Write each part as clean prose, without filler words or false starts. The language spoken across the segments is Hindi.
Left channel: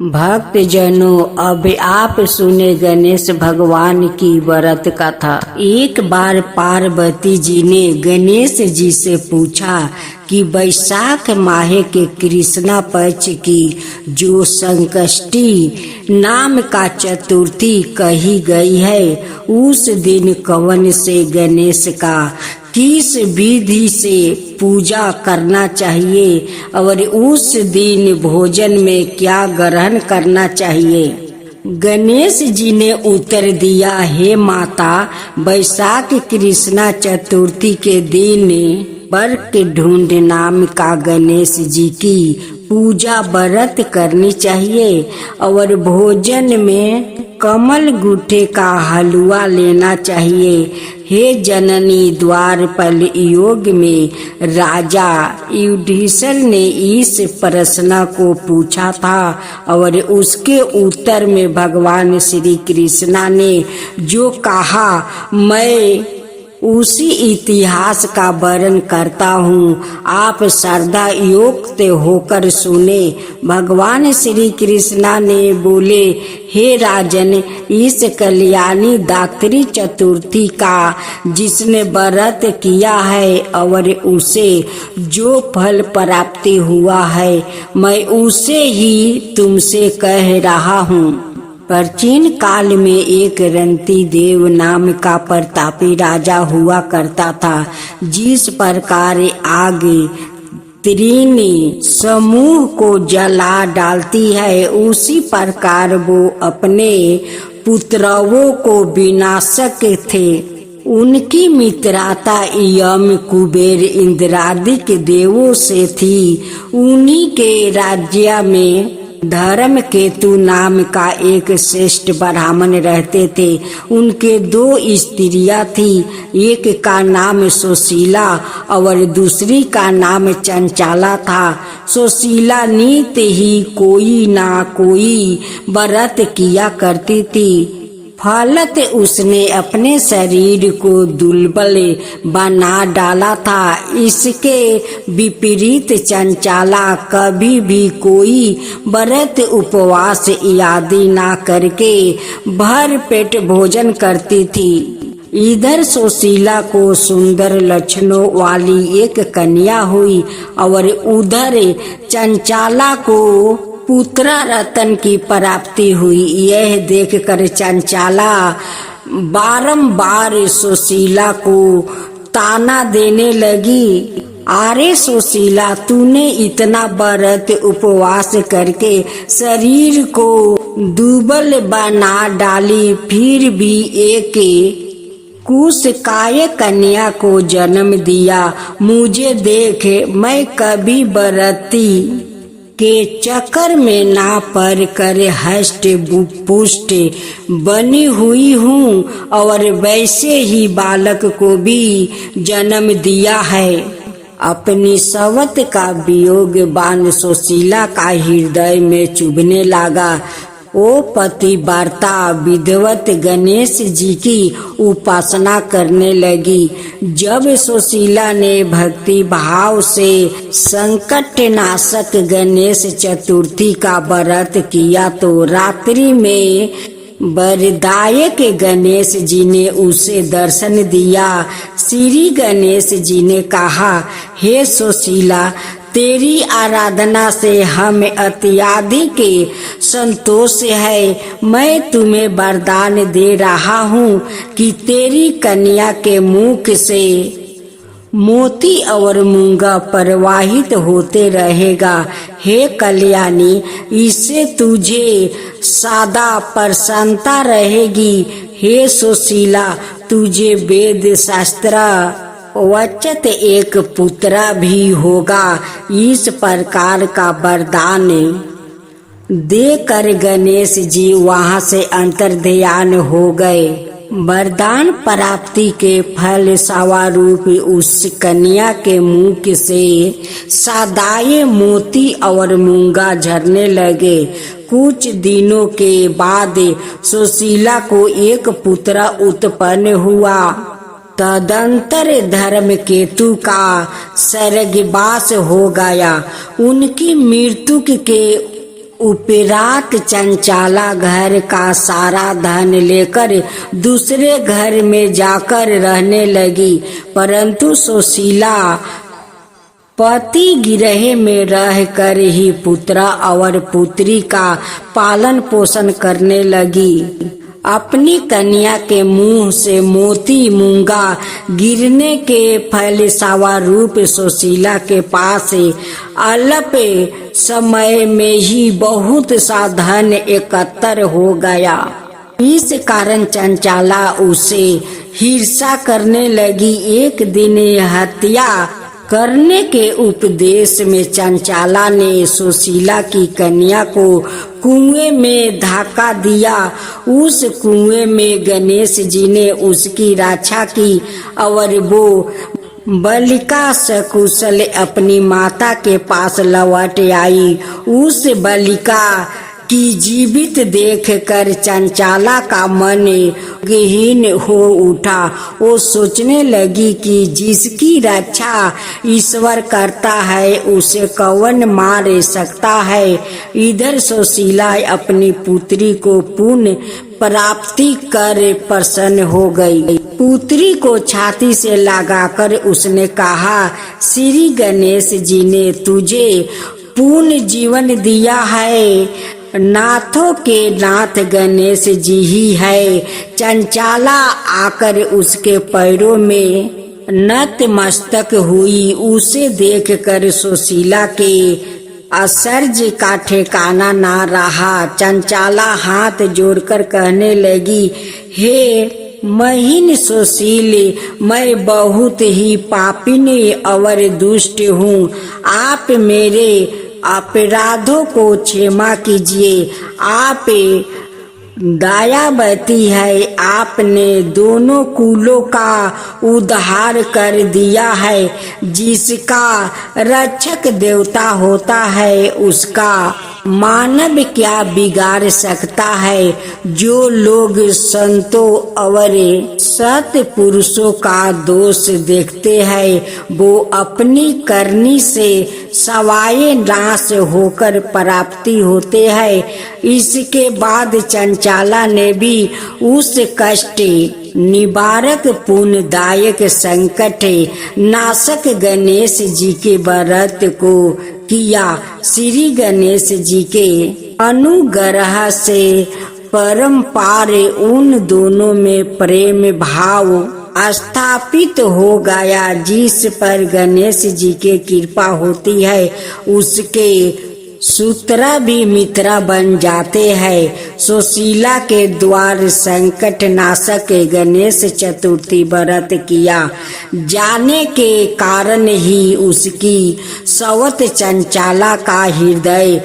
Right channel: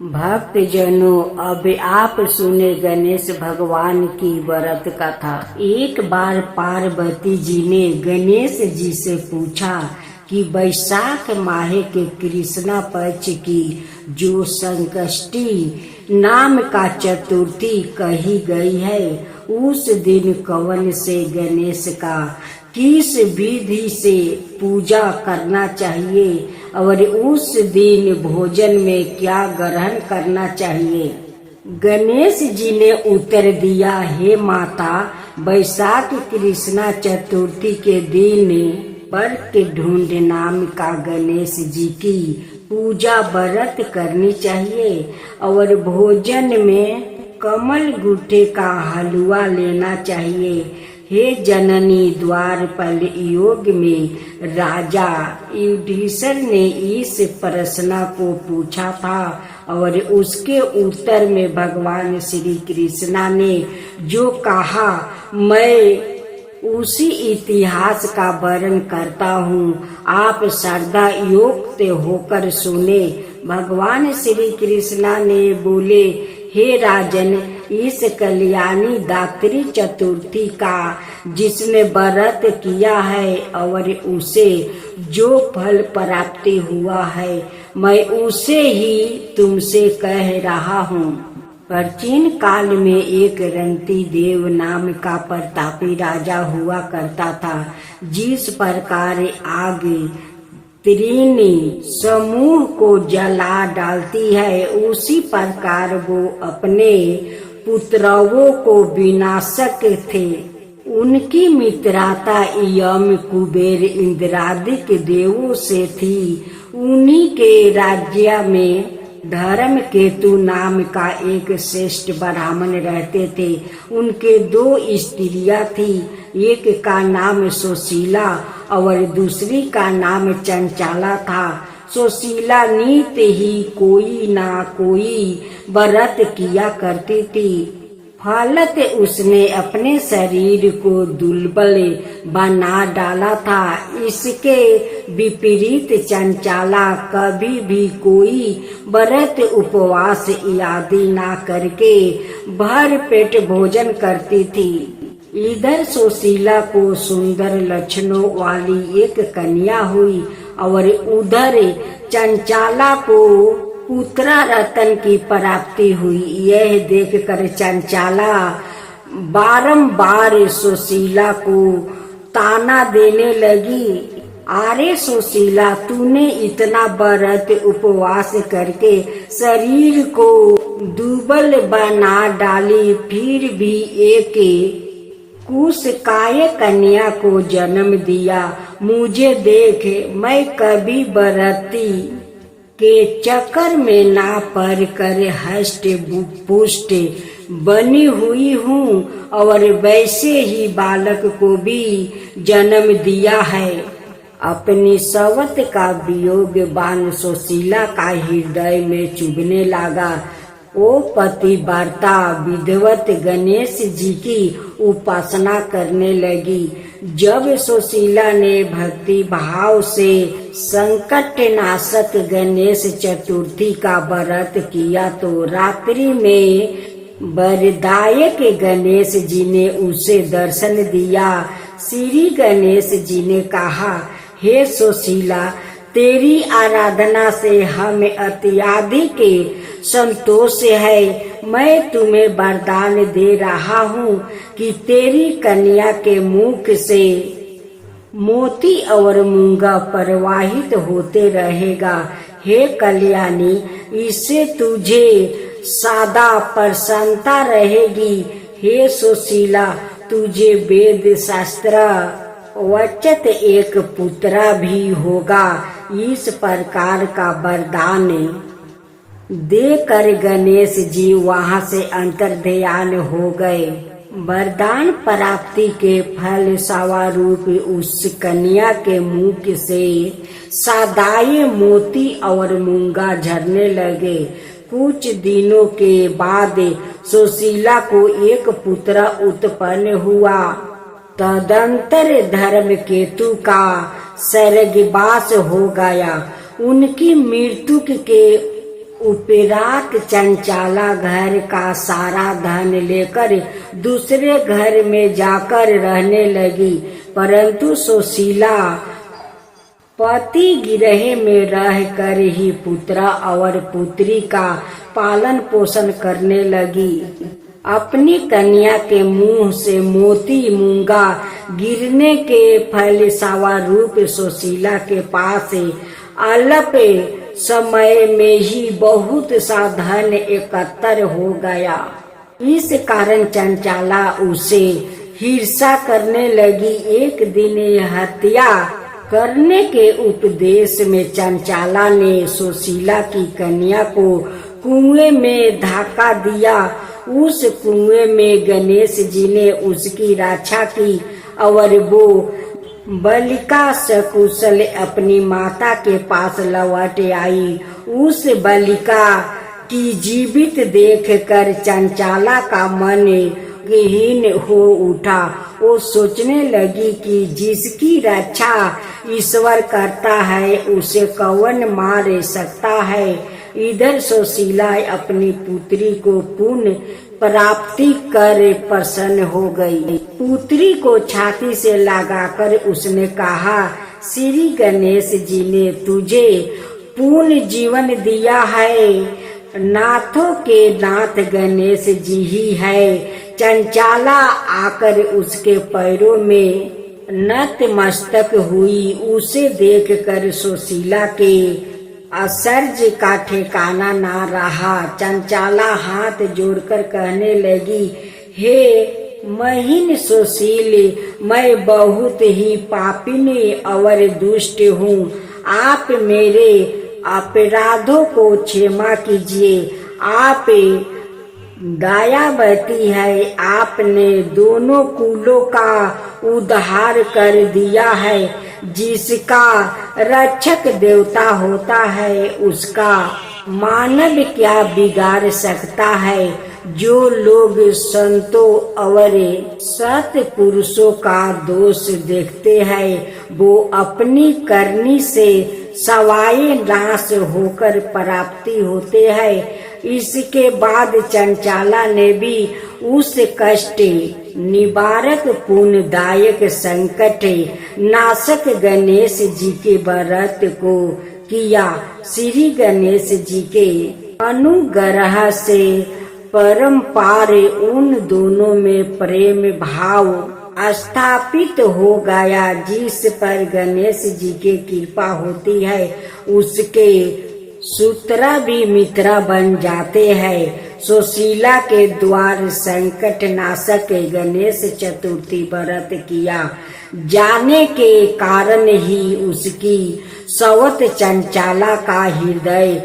भक्त जनों, अब आप सुने गणेश भगवान की व्रत कथा। एक बार पार्वती जी ने गणेश जी से पूछा कि वैशाख माह के कृष्णा पक्ष की जो संकष्टी नाम का चतुर्थी कही गई है, उस दिन कवन से गणेश का किस विधि से पूजा करना चाहिए और उस दिन भोजन में क्या ग्रहण करना चाहिए। गणेश जी ने उत्तर दिया, हे माता, वैशाख कृष्णा चतुर्थी के दिन बर्क ढूंढ नाम का गणेश जी की पूजा व्रत करनी चाहिए और भोजन में कमल गुट्टे का हलवा लेना चाहिए। हे जननी, द्वारपाल योग में राजा युधिष्ठिर ने इस प्रश्न को पूछा था और उसके उत्तर में भगवान श्री कृष्णा ने जो कहा, मैं उसी इतिहास का वर्णन करता हूँ, आप श्रद्धा युक्त होकर सुने। भगवान श्री कृष्णा ने बोले, हे राजन, इस कल्याणी दात्री चतुर्थी का जिसने व्रत किया है और उसे जो फल प्राप्ति हुआ है, मैं उसे ही तुमसे कह रहा हूँ। प्राचीन काल में एक रंती देव नाम का प्रतापी राजा हुआ करता था। जिस प्रकार आग त्रिनी समूह को जला डालती है, उसी प्रकार वो अपने पुत्रों को विनाशक थे। उनकी मित्रता यम, कुबेर, इंद्रादिक देवों से थी। उन्हीं के राज्य में धर्म केतु नाम का एक श्रेष्ठ ब्राह्मण रहते थे। उनके दो स्त्रियां थी, एक का नाम सुशीला और दूसरी का नाम चंचला था। सुशीला नित्य ही कोई ना कोई व्रत किया करती थी, फलत उसने अपने शरीर को दुर्बल बना डाला था। इसके विपरीत चंचला कभी भी कोई व्रत उपवास आदि ना करके भर पेट भोजन करती थी। इधर सुशीला को सुंदर लक्षणों वाली एक कन्या हुई और उधर चंचला को पुत्र रतन की प्राप्ति हुई। यह देखकर चंचला बारंबार सुशीला को ताना देने लगी, अरे सुशीला, तूने इतना व्रत उपवास करके शरीर को दुर्बल बना डाली, फिर भी एक कुशकाय कन्या को जन्म दिया। मुझे देख, मैं कभी व्रती के चक्कर में ना पड़ कर हष्ट पुष्ट बनी हुई हूँ और वैसे ही बालक को भी जन्म दिया है। अपनी सवत का वियोग बाण सुशीला का हृदय में चुभने लगा। ओ पतिव्रता विधवत गणेश जी की उपासना करने लगी। जब सुशीला ने भक्ति भाव से संकट नाशक गणेश चतुर्थी का व्रत किया तो रात्रि में वरदायक गणेश जी ने उसे दर्शन दिया। श्री गणेश जी ने कहा, हे सुशीला, तेरी आराधना से हमें अत्यधिक संतोष है। मैं तुम्हें वरदान दे रहा हूँ कि तेरी कन्या के मुख से मोती और मूंगा प्रवाहित होते रहेगा। हे कल्याणी, इससे तुझे सदा प्रसन्नता रहेगी। हे सुशीला, तुझे वेद शास्त्र वचत एक पुत्र भी होगा। इस प्रकार का वरदान देकर गणेश जी वहां से अंतर्ध्यान हो गए। वरदान प्राप्ति के फल स्वरूप उस कन्या के मुख से सदाए मोती और मूंगा झरने लगे। कुछ दिनों के बाद सुशीला को एक पुत्र उत्पन्न हुआ। तदंतर धर्म केतु का स्वर्गवास हो गया। उनकी मृत्यु के उपरात चंचला घर का सारा धन लेकर दूसरे घर में जाकर रहने लगी, परंतु सुशीला पति गिरह में रहकर ही पुत्र और पुत्री का पालन पोषण करने लगी। अपनी कन्या के मुंह से मोती मूंगा गिरने के फलस्वरूप रूप सुशीला के पास अल्प समय में ही बहुत सा धन एकत्र हो गया। इस कारण चंचला उसे ईर्ष्या करने लगी। एक दिन हत्या करने के उपदेश में चंचला ने सुशीला की कन्या को कुएं में धक्का दिया। उस कुएं में गणेश जी ने उसकी रक्षा की और वो बालिका सकुशल अपनी माता के पास लौट आई। उस बालिका की जीवित देखकर चंचला का मन गहीन हो उठा। वो सोचने लगी कि जिसकी रक्षा ईश्वर करता है उसे कौन मार सकता है। इधर सुशीला अपनी पुत्री को पुण्य प्राप्ति कर प्रसन्न हो गई। पुत्री को छाती से लगाकर उसने कहा, श्री गणेश जी ने तुझे पूर्ण जीवन दिया है, नाथों के नाथ गणेश जी ही है। चंचला आकर उसके पैरों में नतमस्तक हुई। उसे देखकर सुशीला के आश्चर्य का ठिकाना ना रहा। चंचला हाथ जोड़कर कहने लगी, हे महीन सुशील, मैं बहुत ही पापिनी और दुष्ट हूँ। आप मेरे अपराधों को क्षमा कीजिए। आप दयावती है। आपने दोनों कुलों का उद्धार कर दिया है। जिसका रक्षक देवता होता है उसका मानव क्या बिगाड़ सकता है। जो लोग संतों और सत पुरुषों का दोष देखते हैं वो अपनी करनी से सवाए नाश होकर प्राप्ति होते हैं। इसके बाद चंचला ने भी उस कष्ट निवारक पुण्यदायक संकट नाशक गणेश जी के व्रत को किया। श्री गणेश जी के अनुग्रह से परम्पार उन दोनों में प्रेम भाव स्थापित हो गया। जिस पर गणेश जी के कृपा होती है उसके सूत्रा भी मित्रा बन जाते हैं। सुशीला के द्वार संकट नाशक गणेश चतुर्थी व्रत किया जाने के कारण ही उसकी सवत चंचला का हृदय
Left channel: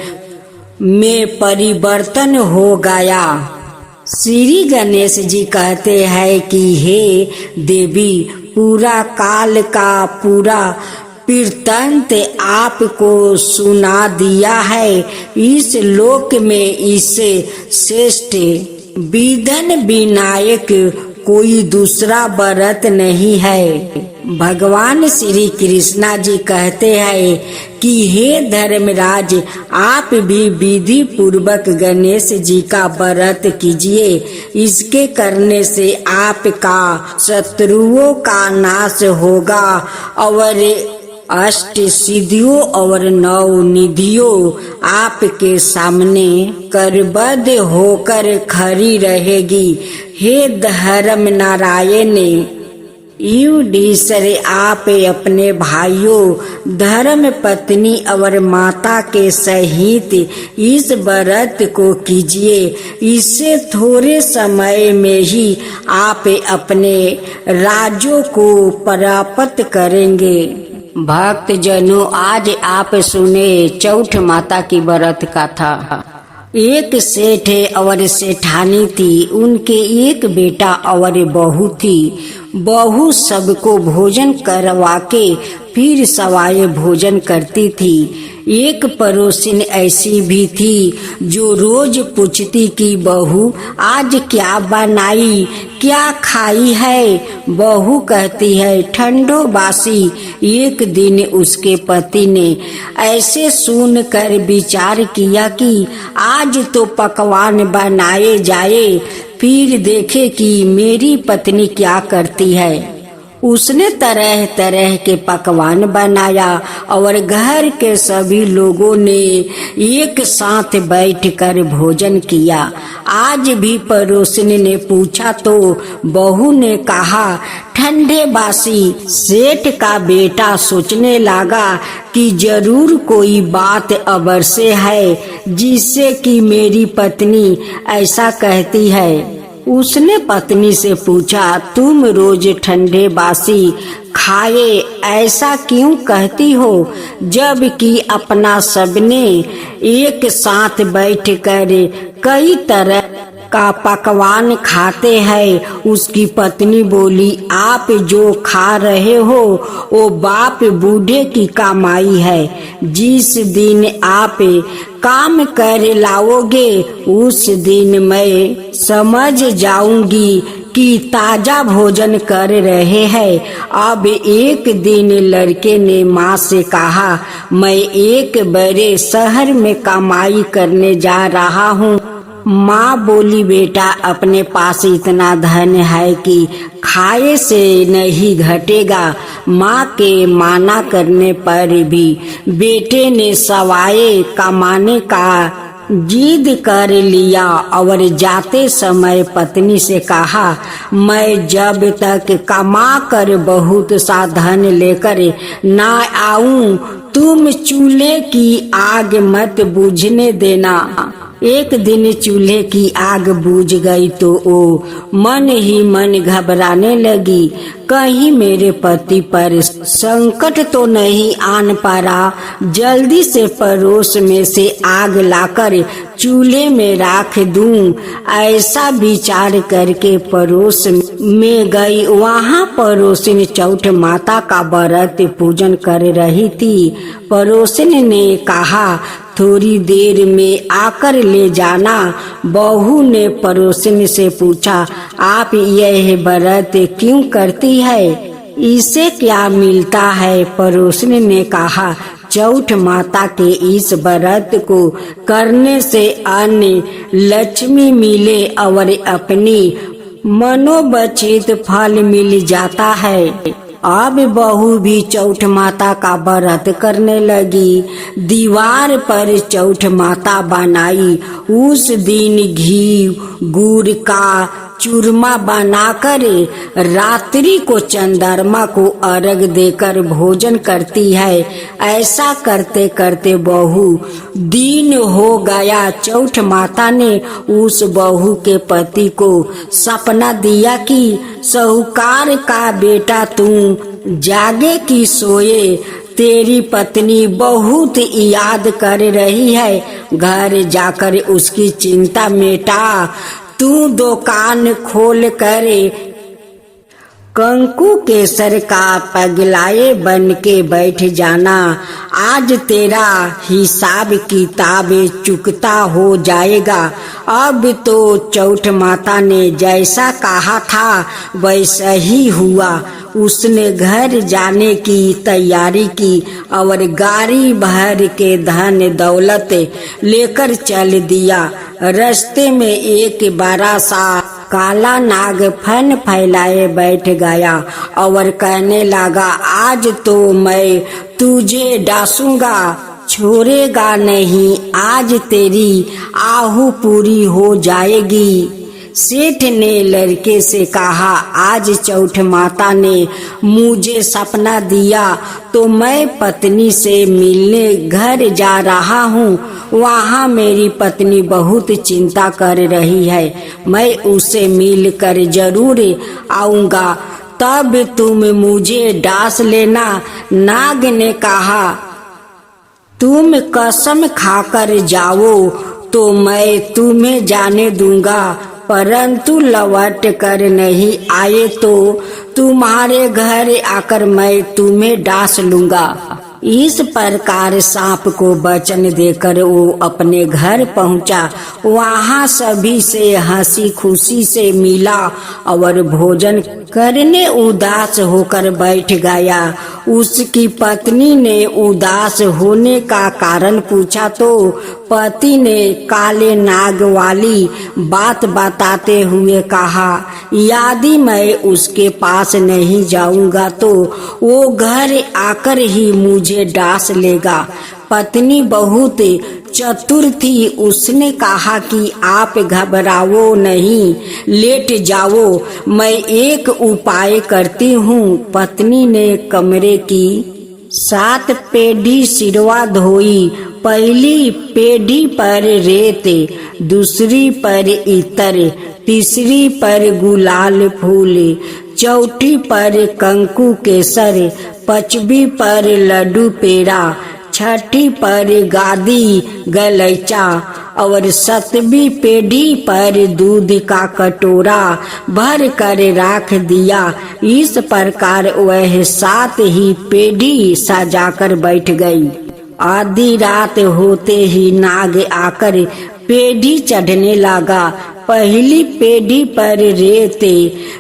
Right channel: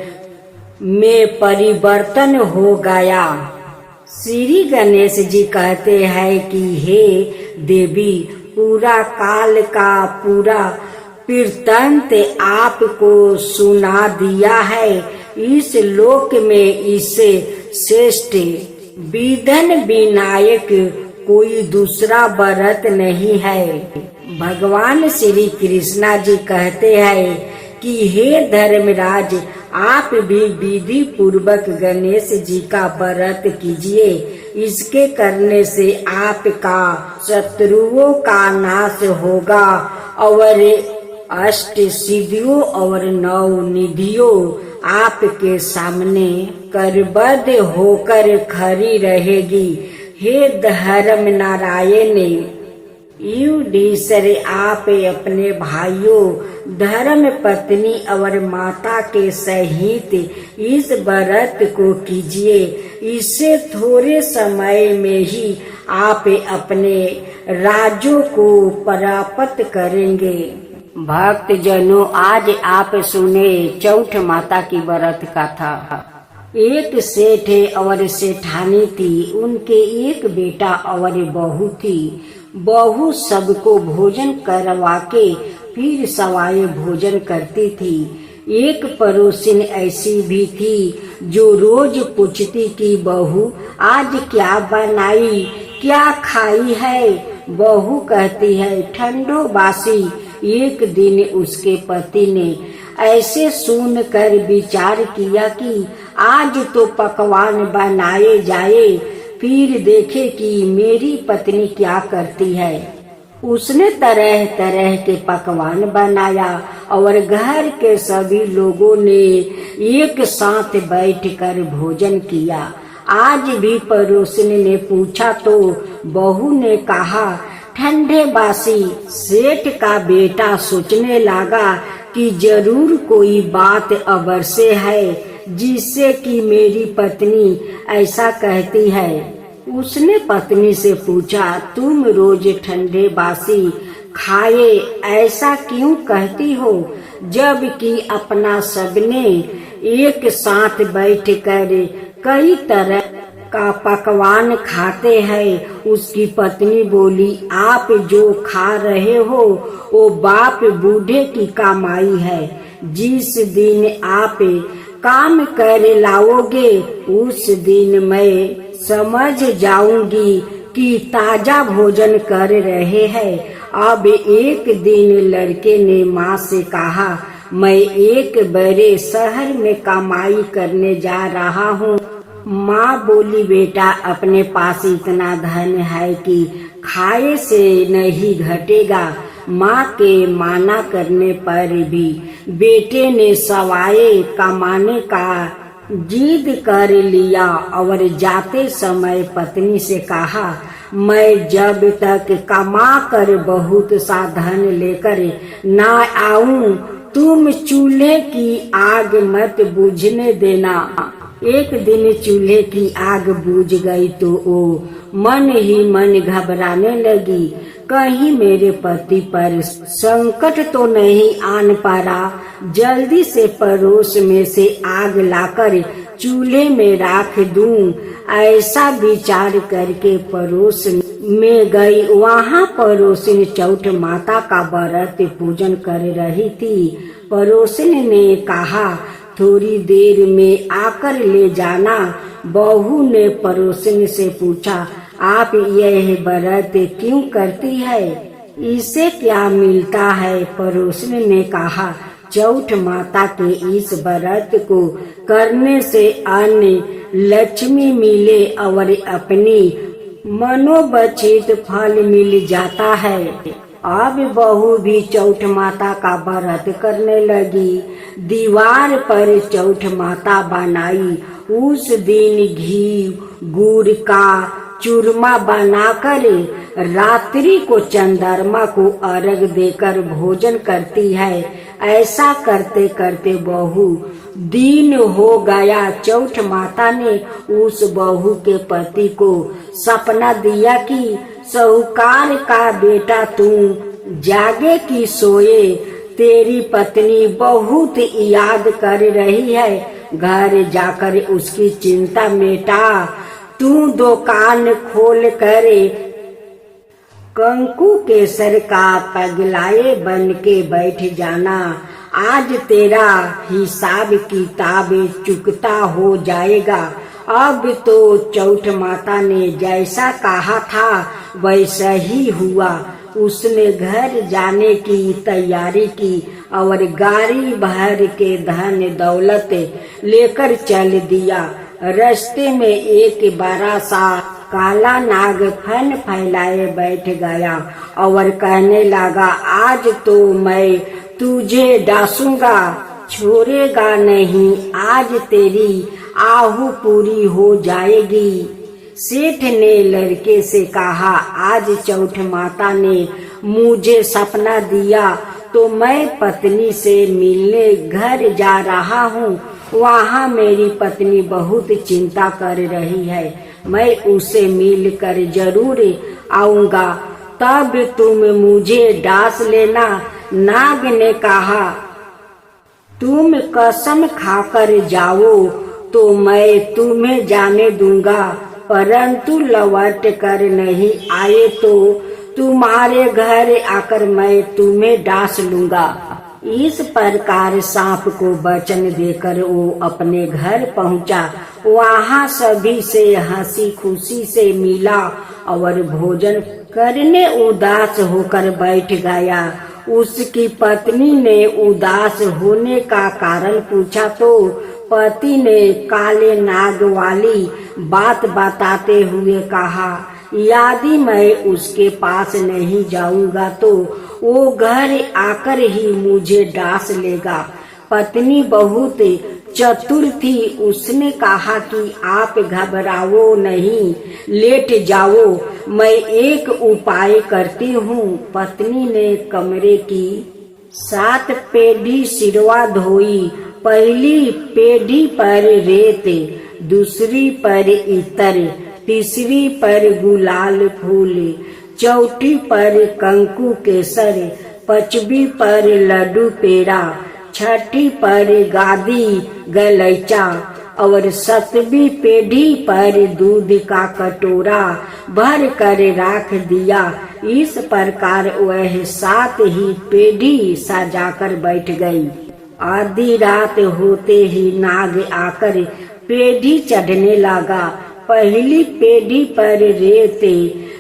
में परिवर्तन हो गया। श्री गणेश जी कहते हैं कि हे देवी, पूरा काल का पूरा वृत्तांत आपको सुना दिया है। इस लोक में इससे श्रेष्ठ विधन विनायक कोई दूसरा व्रत नहीं है। भगवान श्री कृष्णा जी कहते हैं कि हे धर्मराज, आप भी विधि पूर्वक गणेश जी का व्रत कीजिए। इसके करने से आपका शत्रुओं का नाश होगा और अष्ट सिद्धियों और नौ निधियों आपके सामने करबद्ध होकर खड़ी रहेगी। हे धर्म नारायण युधिष्ठिर, आप अपने भाइयों, धर्म पत्नी और माता के सहित इस व्रत को कीजिए। इससे थोड़े समय में ही आप अपने राज्यों को प्राप्त करेंगे। भक्त जनों, आज आप सुने चौठ माता की व्रत कथा। एक सेठ और सेठानी थी। उनके एक बेटा और बहू थी। बहू सबको भोजन करवा के फिर सवाए भोजन करती थी। एक पड़ोसिन ऐसी भी थी जो रोज पूछती कि बहू आज क्या बनाई, क्या खाई है। बहू कहती है ठंडो बासी। एक दिन उसके पति ने ऐसे सुनकर विचार किया कि आज तो पकवान बनाए जाए, फिर देखे कि मेरी पत्नी क्या करती है। उसने तरह तरह के पकवान बनाया और घर के सभी लोगों ने एक साथ बैठकर भोजन किया। आज भी पड़ोसिन ने पूछा तो बहू ने कहा ठंडे बासी। सेठ का बेटा सोचने लगा कि जरूर कोई बात अवश्य है जिससे कि मेरी पत्नी ऐसा कहती है। उसने पत्नी से पूछा तुम रोज ठंडे बासी खाए ऐसा क्यों कहती हो, जबकि अपना सबने एक साथ बैठकर कई तरह का पकवान खाते हैं। उसकी पत्नी बोली आप जो खा रहे हो वो बाप बूढ़े की कमाई है। जिस दिन आप काम कर लाओगे उस दिन मैं समझ जाऊंगी कि ताजा भोजन कर रहे हैं। अब एक दिन लड़के ने माँ से कहा मैं एक बड़े शहर में कमाई करने जा रहा हूँ। माँ बोली बेटा अपने पास इतना धन है कि खाए से नहीं घटेगा। माँ के माना करने पर भी बेटे ने सवाए कमाने का जिद कर लिया और जाते समय पत्नी से कहा मैं जब तक कमा कर बहुत सा धन लेकर ना आऊं तुम चूल्हे की आग मत बुझने देना। एक दिन चूल्हे की आग बुझ गई तो वो मन ही मन घबराने लगी, कहीं मेरे पति पर संकट तो नहीं आन पड़ा। जल्दी से पड़ोस में से आग लाकर चूल्हे में राख दूं, ऐसा विचार करके पड़ोस में गई। वहाँ पड़ोसिन चौठ माता का व्रत पूजन कर रही थी। पड़ोसिन ने कहा थोड़ी देर में आकर ले जाना। बहू ने पड़ोसिन से पूछा आप यह व्रत क्यों करती है, इसे क्या मिलता है। पड़ोसिन ने कहा चौठ माता के इस व्रत को करने से अन्य लक्ष्मी मिले और अपनी मनोवांछित फल मिल जाता है। अब बहू भी चौठ माता का व्रत करने लगी। दीवार पर चौठ माता बनाई। उस दिन घी गुड़ का चूरमा बनाकर रात्रि को चंद्रमा को अर्घ देकर भोजन करती है। ऐसा करते करते बहू दिन हो गया। चौठ माता ने उस बहू के पति को सपना दिया कि साहूकार का बेटा तू जागे कि सोए, तेरी पत्नी बहुत याद कर रही है। घर जाकर उसकी चिंता मिटा। तू दुकान खोल कर कंकु केसर का पगलाए बन के बैठ जाना। आज तेरा हिसाब किताब चुकता हो जाएगा। अब तो चौठ माता ने जैसा कहा था वैसा ही हुआ। उसने घर जाने की तैयारी की और गाड़ी भर के धन दौलत लेकर चल दिया। रास्ते में एक बड़ा सा काला नाग फन फैलाए बैठ गया और कहने लगा आज तो मैं तुझे डासूंगा, छोड़ेगा नहीं। आज तेरी आहू पूरी हो जाएगी। सेठ ने लड़के से कहा आज चौठ माता ने मुझे सपना दिया तो मैं पत्नी से मिलने घर जा रहा हूँ। वहाँ मेरी पत्नी बहुत चिंता कर रही है। मैं उससे मिलकर जरूर आऊँगा, तब तुम मुझे डांस लेना। नाग ने कहा तुम कसम खाकर जाओ तो मैं तुम्हें जाने दूंगा, परंतु लौट कर नहीं आए तो तुम्हारे घर आकर मैं तुम्हें डांस लूंगा। इस प्रकार सांप को वचन देकर वो अपने घर पहुंचा। वहां सभी से हंसी खुशी से मिला और भोजन करने उदास होकर बैठ गया। उसकी पत्नी ने उदास होने का कारण पूछा तो पति ने काले नाग वाली बात बताते हुए कहा, यदि मैं उसके पास नहीं जाऊंगा तो वो घर आकर ही मुझे डांस लेगा। पत्नी बहुत चतुर थी। उसने कहा कि आप घबराओ नहीं, लेट जाओ, मैं एक उपाय करती हूँ। पत्नी ने कमरे की 7 पेढ़ी सिरवा धोई। पहली पेढ़ी पर रेत, दूसरी पर इत्र, तीसरी पर गुलाल फूल, चौथी पर कंकु केसर, 5वीं पर लड्डू पेड़ा, 6ठी पर गादी गलैचा और 7वीं पेढ़ी पर दूध का कटोरा भर कर रख दिया। इस प्रकार वह 7 ही पेढ़ी सजाकर बैठ गई। आधी रात होते ही नाग आकर पेढ़ी चढ़ने लगा। पहली पेढ़ी पर रेत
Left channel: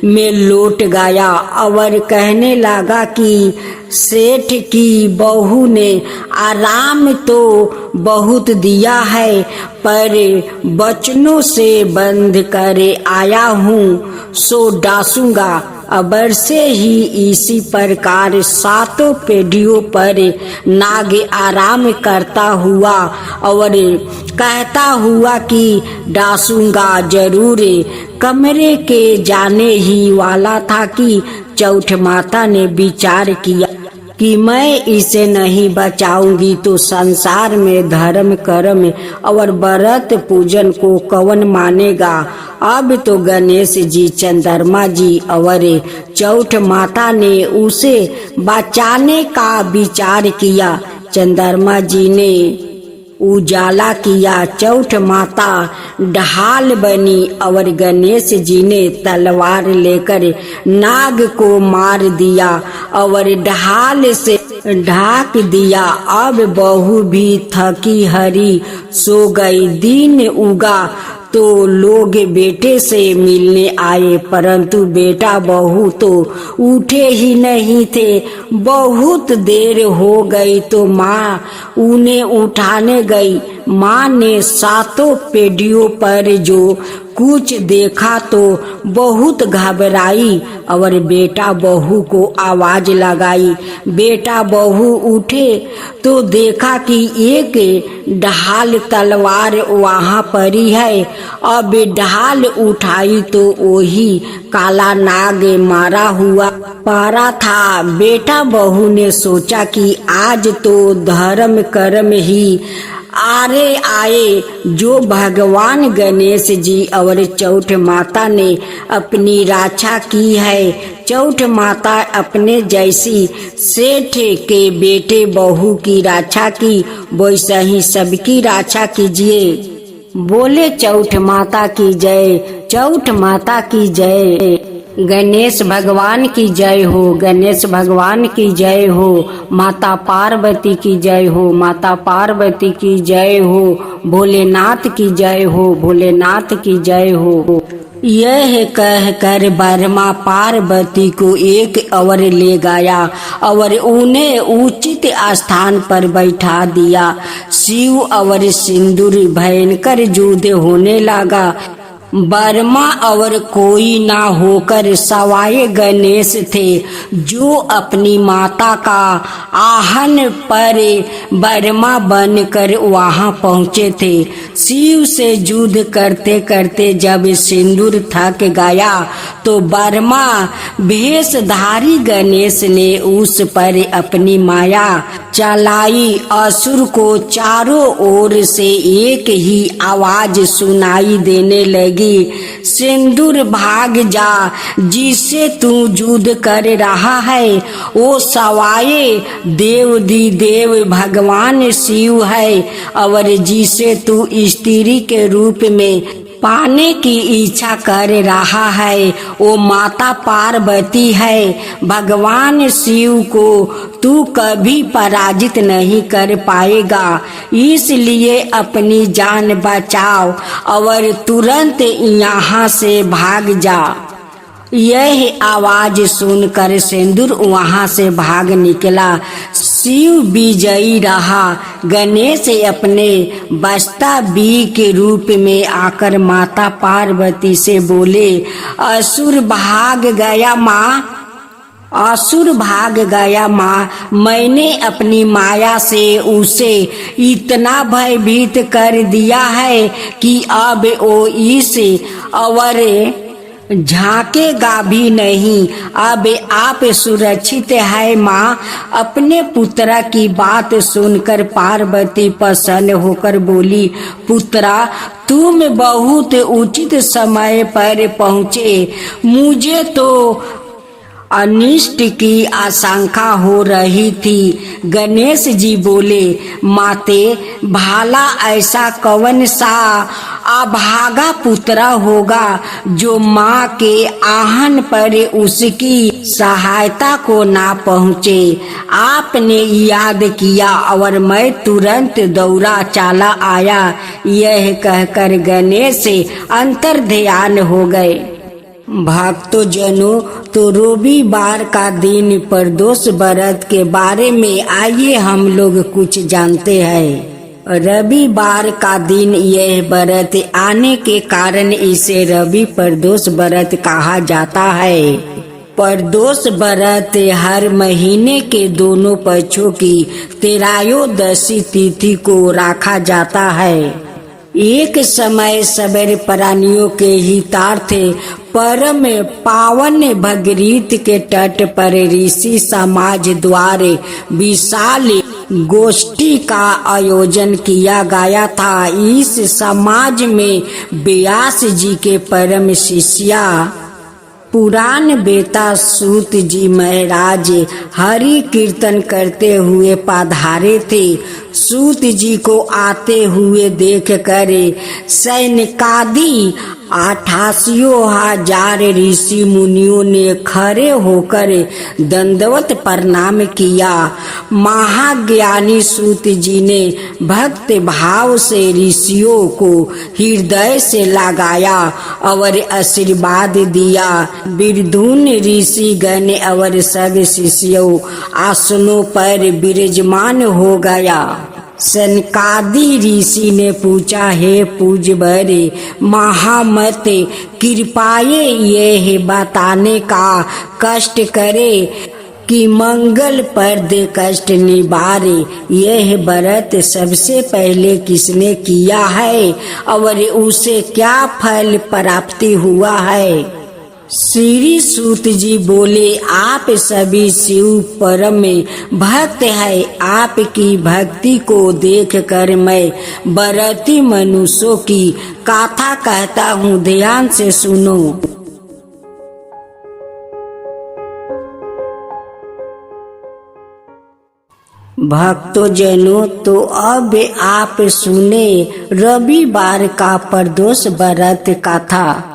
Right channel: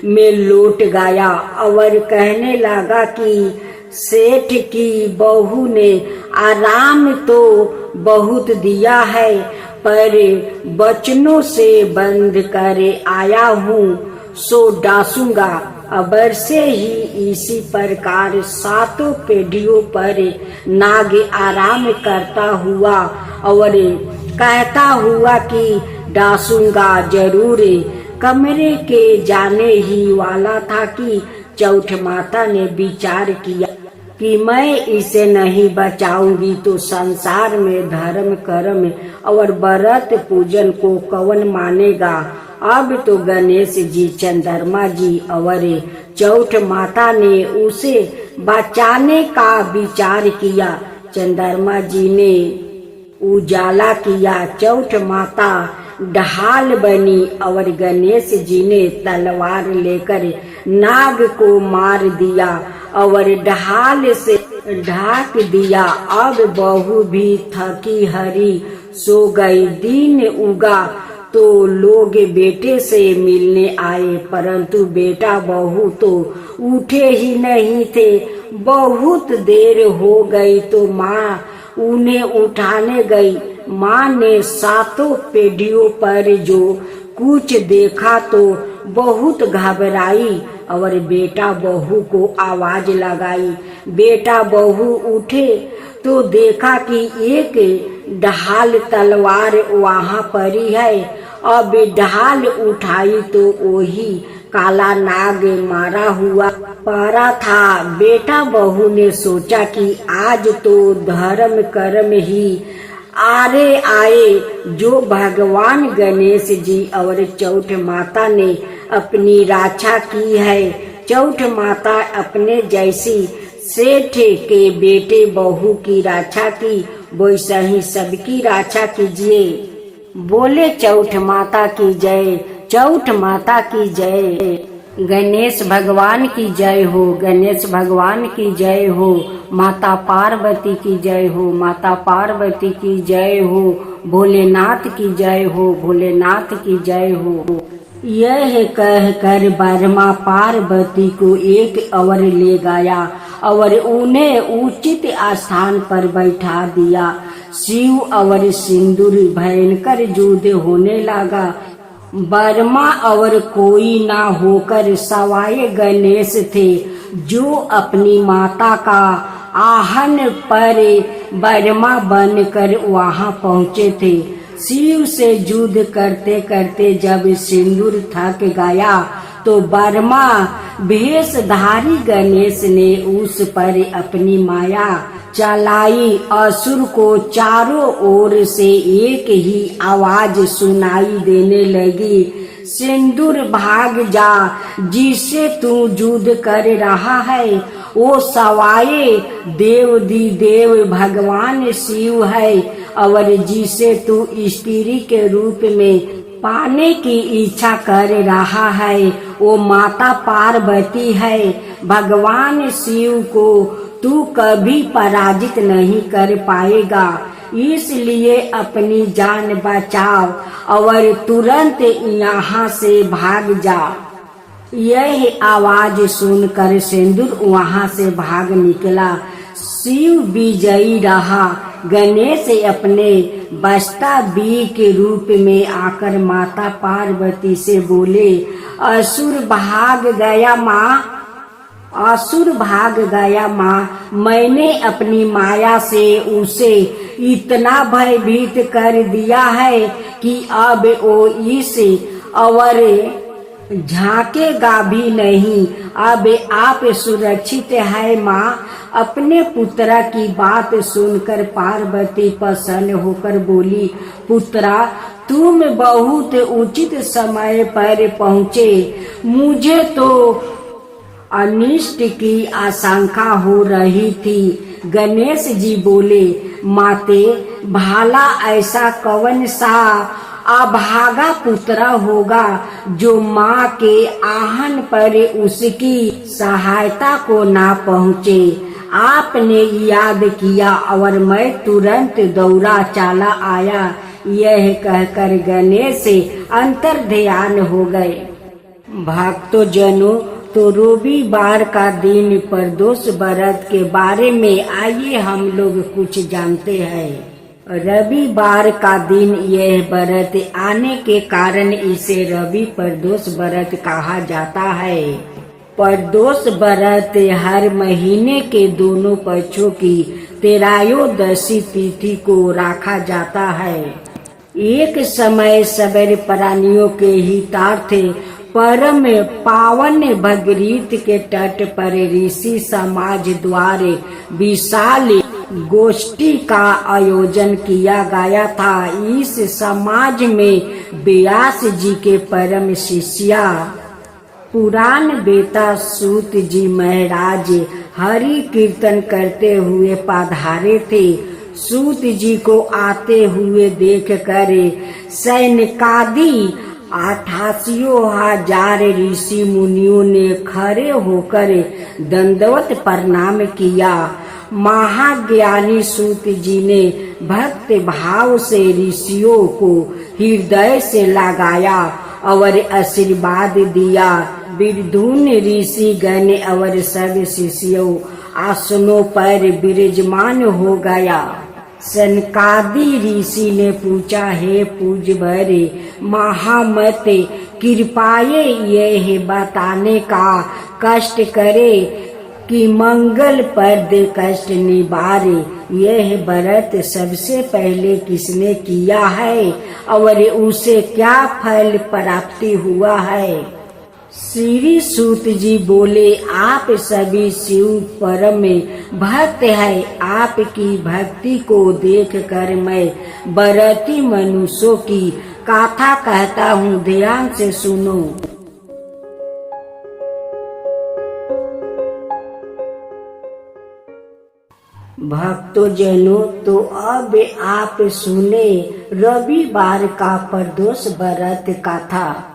में लौट गया और कहने लगा कि सेठ की बहू ने आराम तो बहुत दिया है, पर बचनों से बंद कर आया हूँ, सो डांसूंगा। अबर से ही इसी प्रकार 7 पेढ़ियों पर नाग आराम करता हुआ और कहता हुआ कि डांसूंगा जरूर। कमरे के जाने ही वाला था कि चौठ माता ने विचार किया कि मैं इसे नहीं बचाऊंगी तो संसार में धर्म कर्म और व्रत पूजन को कौन मानेगा। अब तो गणेश जी, चंद्रमा जी और चौठ माता ने उसे बचाने का विचार किया। चंद्रमा जी ने उजाला किया, चौठ माता ढाल बनी और गणेश जी ने तलवार लेकर नाग को मार दिया और ढाल से ढाक दिया। अब बहू भी थकी हारी सो गई। दिन उगा तो लोग बेटे से मिलने आए, परंतु बेटा बहू तो उठे ही नहीं थे। बहुत देर हो गई तो माँ उन्हें उठाने गई। माँ ने 7 पेढ़ियों पर जो कुछ देखा तो बहुत घबराई और बेटा बहू को आवाज लगाई। बेटा बहू उठे तो देखा कि एक ढाल तलवार वहाँ पड़ी है। अब ढाल उठाई तो वही काला नाग मारा हुआ पारा था। बेटा बहू ने सोचा कि आज तो धर्म कर्म ही आरे आए, जो भगवान गणेश जी और चौठ माता ने अपनी रक्षा की है। चौठ माता अपने जैसी सेठ के बेटे बहू की रक्षा की, वैसा ही सबकी रक्षा कीजिए। बोले चौठ माता की जय, चौठ माता की जय। गणेश भगवान की जय हो, गणेश भगवान की जय हो। माता पार्वती की जय हो, माता पार्वती की जय हो। भोलेनाथ की जय हो, भोलेनाथ की जय हो। यह कहकर बर्मा पार्वती को एक और ले गया और उन्हें उचित स्थान पर बैठा दिया। शिव और सिंदूर भयंकर युद्ध होने लगा। बर्मा और कोई ना होकर सवाए गणेश थे, जो अपनी माता का आहन पर बर्मा बनकर वहां पहुंचे थे। शिव से युद्ध करते करते जब सिंदूर थक गया तो बर्मा भेषधारी गणेश ने उस पर अपनी माया चलाई। असुर को चारों ओर से एक ही आवाज सुनाई देने लगी, सिंदूर भाग जा, जिससे तू युद्ध कर रहा है वो सवाए देव भगवान शिव है, और जिसे तू स्त्री के रूप में पाने की इच्छा कर रहा है वो माता पार्वती है। भगवान शिव को तू कभी पराजित नहीं कर पाएगा, इसलिए अपनी जान बचाओ और तुरंत यहाँ से भाग जा। यह आवाज सुनकर सिंदूर वहां से भाग निकला। शिव विजयी रहा। गणेश अपने बस्ता बी के रूप में आकर माता पार्वती से बोले, असुर भाग गया माँ, असुर भाग गया माँ। मैंने अपनी माया से उसे इतना भयभीत कर दिया है कि अब वो इस और झांकेगा भी नहीं। अब आप सुरक्षित है माँ। अपने पुत्र की बात सुनकर पार्वती प्रसन्न होकर बोली, पुत्रा तुम बहुत उचित समय पर पहुँचे। मुझे तो अनिष्ट की आशंका हो रही थी। गणेश जी बोले, माते भाला ऐसा कौन सा अभागा पुत्र होगा जो माँ के आहन पर उसकी सहायता को ना पहुँचे। आपने याद किया और मैं तुरंत दौड़ा चला आया। यह कहकर गणेश अंतर्ध्यान हो गए। भक्तों जनों, तो रविवार का दिन प्रदोष व्रत के बारे में आइए हम लोग कुछ जानते हैं। रविवार का दिन यह व्रत आने के कारण इसे रवि प्रदोष व्रत कहा जाता है। प्रदोष व्रत हर महीने के दोनों पक्षों की त्रयोदशी तिथि को रखा जाता है। एक समय सवेरे प्राणियों के हितार्थ परम पावन भगीरथ के तट पर ऋषि समाज द्वारा विशाल गोष्ठी का आयोजन किया गया था। इस समाज में व्यास जी के परम शिष्या पुराण बेता सूत जी महाराज हरि कीर्तन करते हुए पधारे थे। सूत जी को आते हुए देख कर सैनिकादि 88,000 ऋषि मुनियों ने खड़े होकर दंडवत प्रणाम किया। महाज्ञानी सूत जी ने भक्त भाव से ऋषियों को हृदय से लगाया और आशीर्वाद दिया। विरधुन ऋषि गण और सब शिष्यों आसनों पर विराजमान हो गया। सनकादि ऋषि ने पूछा, हे पूज्यवर महामत कृपाए यह बताने का कष्ट करे कि मंगल प्रद कष्ट निवारे यह व्रत सबसे पहले किसने किया है और उसे क्या फल प्राप्ति हुआ है। श्री सूत जी बोले, आप सभी शिव परम भक्त है। आपकी भक्ति को देखकर मैं व्रती मनुष्यों की कथा कहता हूँ, ध्यान से सुनो। भक्तों जनों, तो अब आप सुने रविवार का प्रदोष व्रत कथा।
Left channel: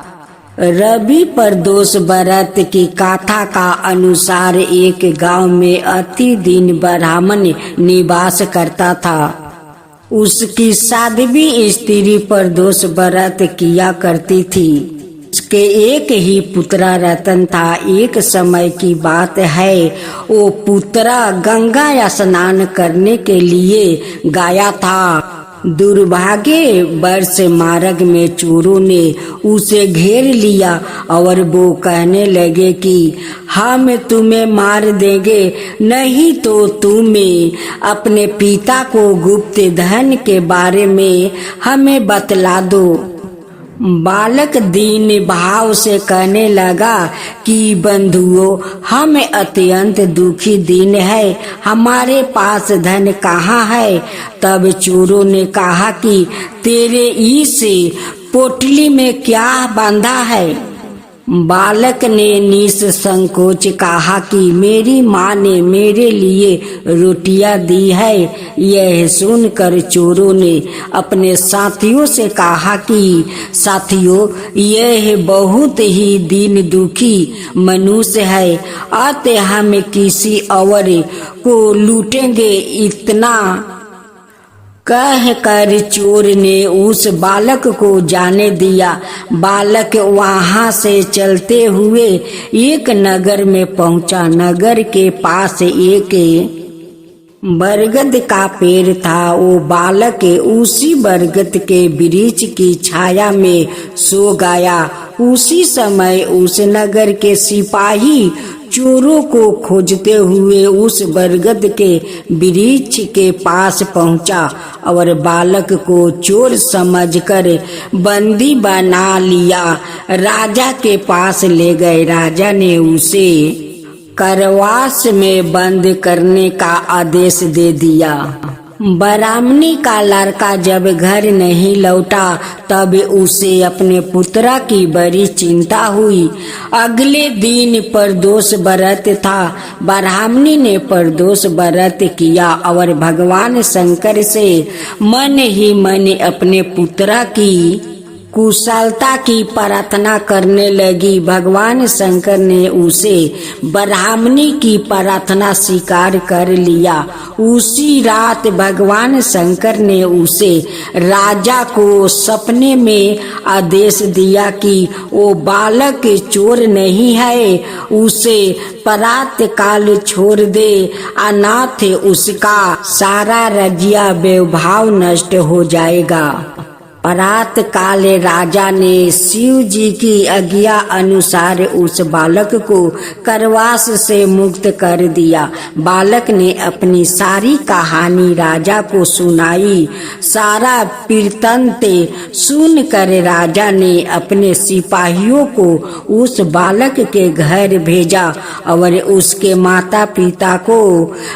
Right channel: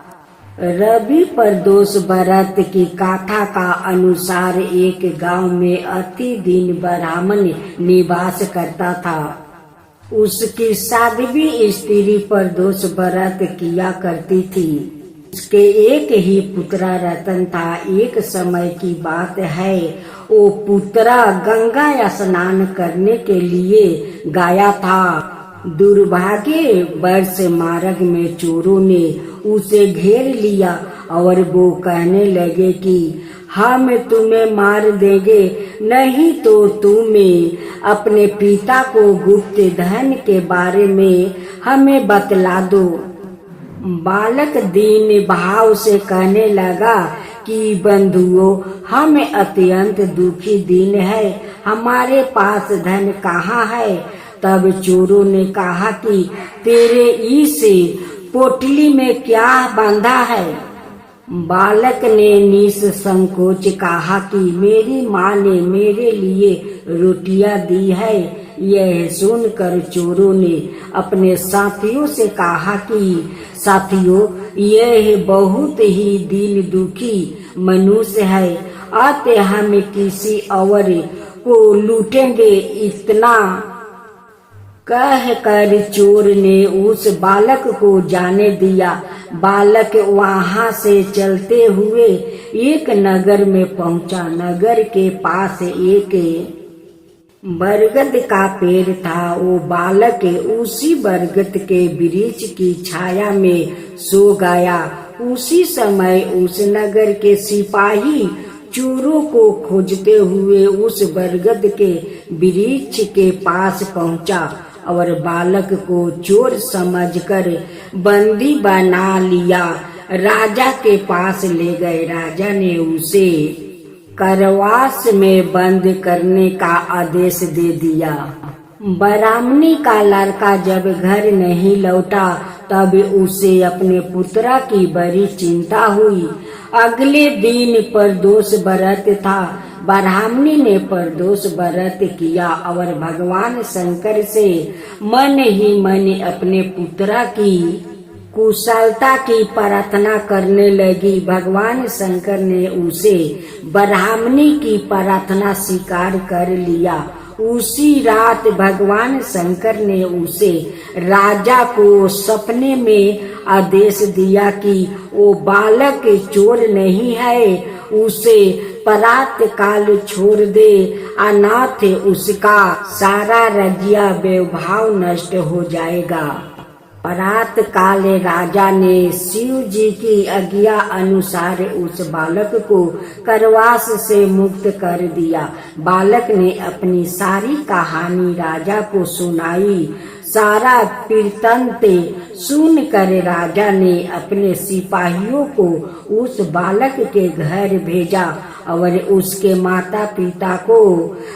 रवि प्रदोष व्रत की कथा का अनुसार एक गांव में अति दिन ब्राह्मण निवास करता था। उसकी साध्वी स्त्री प्रदोष व्रत किया करती थी। उसके एक ही पुत्र रतन था। एक समय की बात है, वो पुत्र गंगा स्नान करने के लिए गया था। दुर्भाग्य वर्ष मार्ग में चोरों ने उसे घेर लिया और वो कहने लगे कि हम तुम्हें मार देंगे, नहीं तो तुम्हें अपने पिता को गुप्त धन के बारे में हमें बतला दो। बालक दीन भाव से कहने लगा कि बंधुओं, हम अत्यंत दुखी दिन है, हमारे पास धन कहाँ है। तब चोरों ने कहा कि तेरे इस पोटली में क्या बांधा है। बालक ने निसंकोच कहा कि मेरी माँ ने मेरे लिए रोटियां दी है। यह सुनकर चोरों ने अपने साथियों से कहा कि साथियों, यह बहुत ही दीन दुखी मनुष्य है, अतः हम किसी और को लूटेंगे। इतना कह कर चोर ने उस बालक को जाने दिया। बालक वहां से चलते हुए एक नगर में पहुंचा। नगर के पास एक बरगद का पेड़ था। वो बालक उसी बरगद के वृक्ष की छाया में सो गया। उसी समय उस नगर के सिपाही चोरों को खोजते हुए उस बरगद के वृक्ष के पास पहुंचा और बालक को चोर समझकर बंदी बना लिया। राजा के पास ले गए। राजा ने उसे कारावास में बंद करने का आदेश दे दिया। ब्राह्मणी का लड़का जब घर नहीं लौटा तब उसे अपने पुत्रा की बड़ी चिंता हुई। अगले दिन प्रदोष व्रत था। ब्राह्मणी ने प्रदोष व्रत किया और भगवान शंकर से मन ही मन अपने पुत्रा की कुशलता की प्रार्थना करने लगी। भगवान शंकर ने उसे ब्राह्मणी की प्रार्थना स्वीकार कर लिया। उसी रात भगवान शंकर ने उसे राजा को सपने में आदेश दिया कि वो बालक चोर नहीं है, उसे प्रातः काल छोड़ दे, अन्यथा उसका सारा रजिया वैभव नष्ट हो जाएगा। प्रातः काल राजा ने शिव जी की आज्ञा अनुसार उस बालक को कारावास से मुक्त कर दिया। बालक ने अपनी सारी कहानी राजा को सुनाई। सारा वृत्तांत सुनकर राजा ने अपने सिपाहियों को उस बालक के घर भेजा और उसके माता पिता को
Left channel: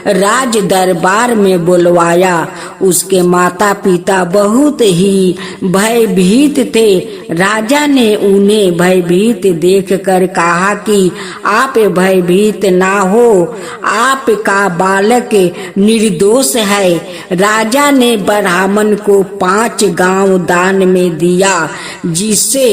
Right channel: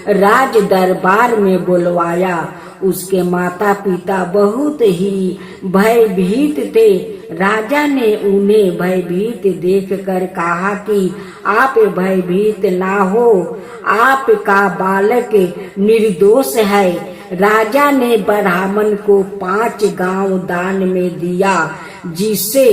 राज दरबार में बुलवाया। उसके माता पिता बहुत ही भयभीत थे। राजा ने उन्हें भयभीत देखकर कहा कि आप भयभीत ना हो, आपका बालक निर्दोष है। राजा ने ब्राह्मण को 5 गांव दान में दिया, जिससे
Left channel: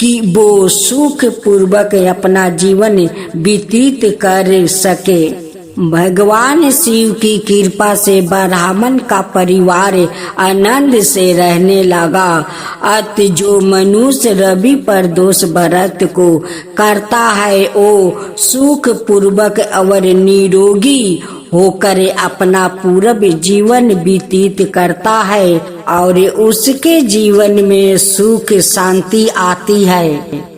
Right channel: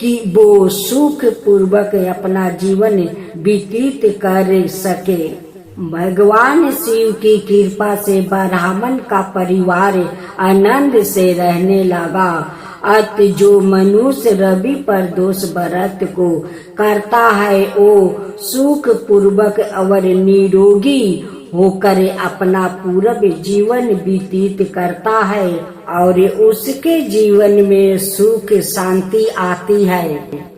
कि वो सुख पूर्वक अपना जीवन व्यतीत कर सके। भगवान शिव की कृपा से ब्राह्मण का परिवार आनंद से रहने लगा। अत जो मनुष्य रवि प्रदोष व्रत को करता है वो सुख पूर्वक और निरोगी होकर अपना पूर्ण जीवन व्यतीत करता है और उसके जीवन में सुख शांति आती है।